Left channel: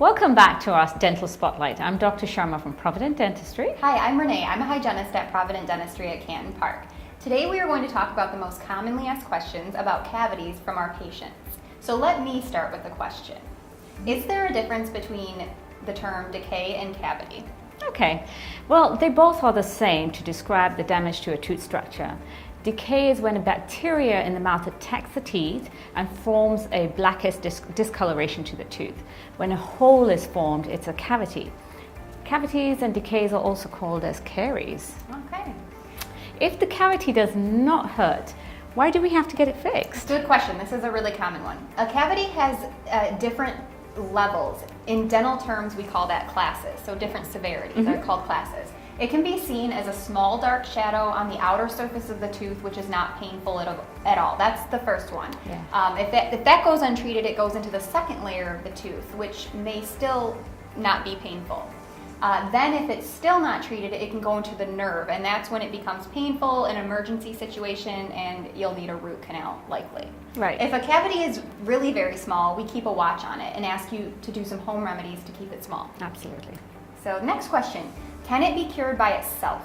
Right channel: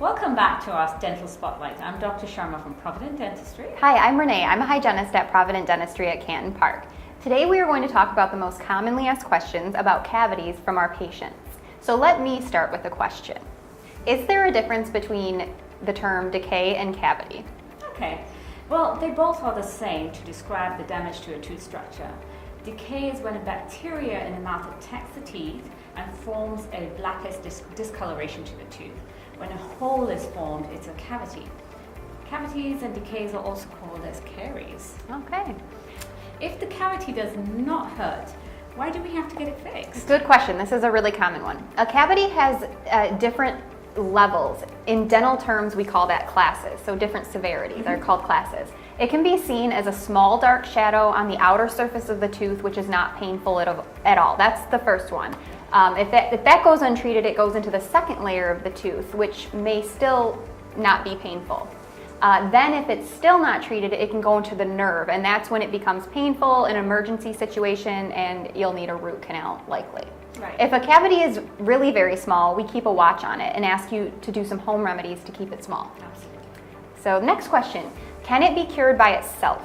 Welcome back to our Dental Spotlight. I'm Dr. Sharma from Provident Dentistry. Hi, I'm Renee. I'm a hygienist at Provident Dentistry at Canton Park. Today we are going to talk about the most commonly asked questions about cavities from our patients. So let me start with a question. Is there a difference between the term decay and cavity? Okay, well, they both are the same to describe the damage to a tooth structure. Decay is when a bacteria in the mouth attacks the teeth and forms a blackish discoloration to the tooth. When a hole is formed, it's a cavity. Cavities and decays are also called as caries. Okay. If the cavity does not hurt, why do we have to get it fixed? Good question. This is a really common one. A cavity has different levels. In dental terms, we call that classes. So different severities are called classes. It can be seen as a small dark shadow on the outer surface of the tooth, which is not painful at all. That's the first one. Yeah. If that goes untreated, it goes into the second layer of the tooth, which may still not be painful. Then if it's still not treated, it can go into the nerve, and that's when it becomes painful, an emergency situation, and you'll need a root canal, likely. Right. If a cavity is really very small, we keep a watch on it and ask you to do some home remedies to keep it small. Absolutely. So next question, can it be cured by itself?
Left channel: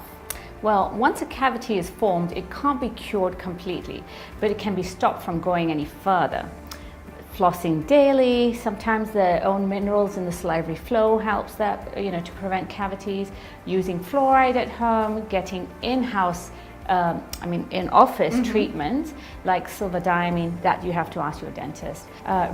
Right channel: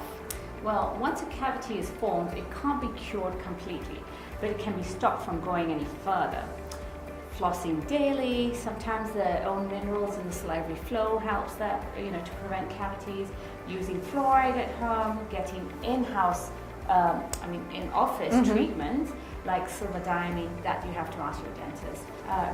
Well, once a cavity is formed, it can't be cured completely, but it can be stopped from going any further. Flossing daily, sometimes the own minerals in the salivary flow helps that, to prevent cavities. Using fluoride at home, getting in-house, in-office treatment like silvadiamine, that you have to ask your dentist.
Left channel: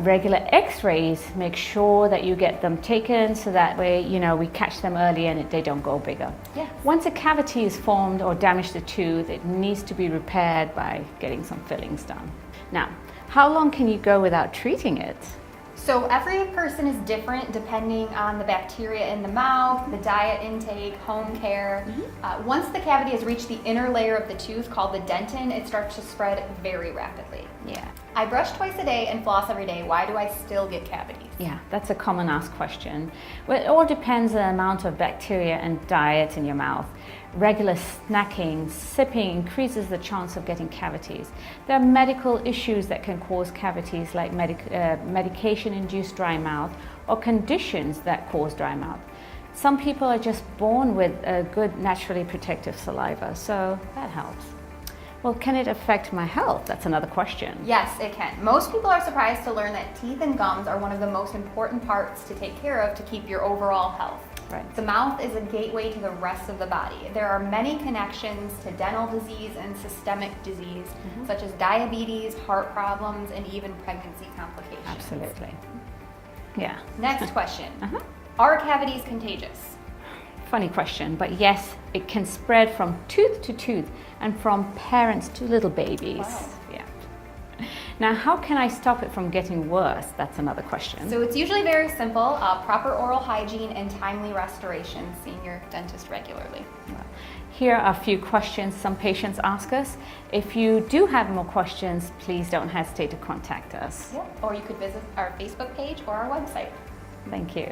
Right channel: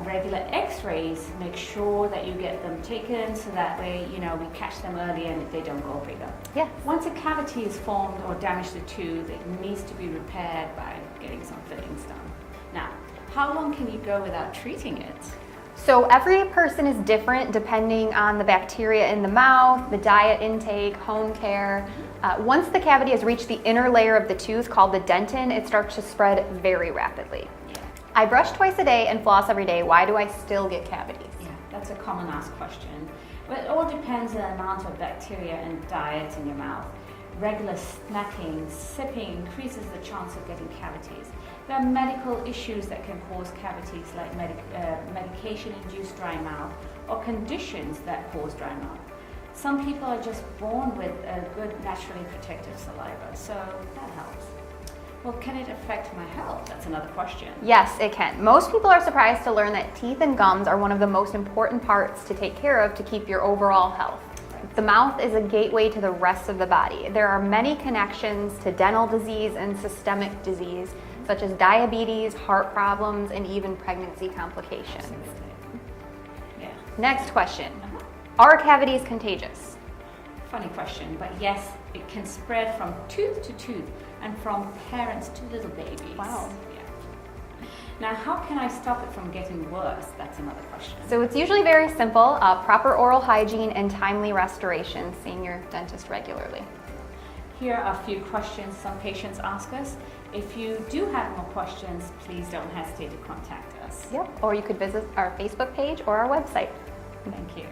Regular x-rays, make sure that you get them taken so that way, we catch them early and they don't go bigger. Yes. Once a cavity is formed or damaged the tooth, it needs to be repaired by getting some fillings done. Now, how long can you go without treating it? So every person is different depending on the bacteria in the mouth, the diet intake, home care. Once the cavity has reached the inner layer of the tooth called the dentin, it starts to spread very rapidly. Yeah. I brush twice a day and floss every day. Why do I still get cavities? Yeah, that's a common asked question. Well, it all depends on the amount of bacteria and diet in your mouth. Regular snacking, sipping increases the chance of getting cavities. There are medical issues that can cause cavities like medication-induced dry mouth or conditions that cause dry mouth. Some people are just born with a good naturally protective saliva, so that helps. Well, can it affect my health? That's another question. Yes, it can. Most people are surprised to learn that teeth and gums are one of the most important parts to take care of to keep your overall health. Right. The mouth is a gateway to the rest of the body. There are many connections to dental disease and systemic disease, such as diabetes, heart problems, and even pregnancy complications. Absolutely. Yeah. Next question. Are cavities contagious? Funny question, but yes, it can spread from tooth to tooth and from parents to little babies. Wow. Now, how can I stop it from getting worse? That's another question. So it's usually very simple, proper oral hygiene and timely restoration, seeing your dentist regularly. Here are a few questions some patients ask us. If you do have more questions, please don't hesitate to contact us. Or you could visit our Facebook page or our website. Thank you.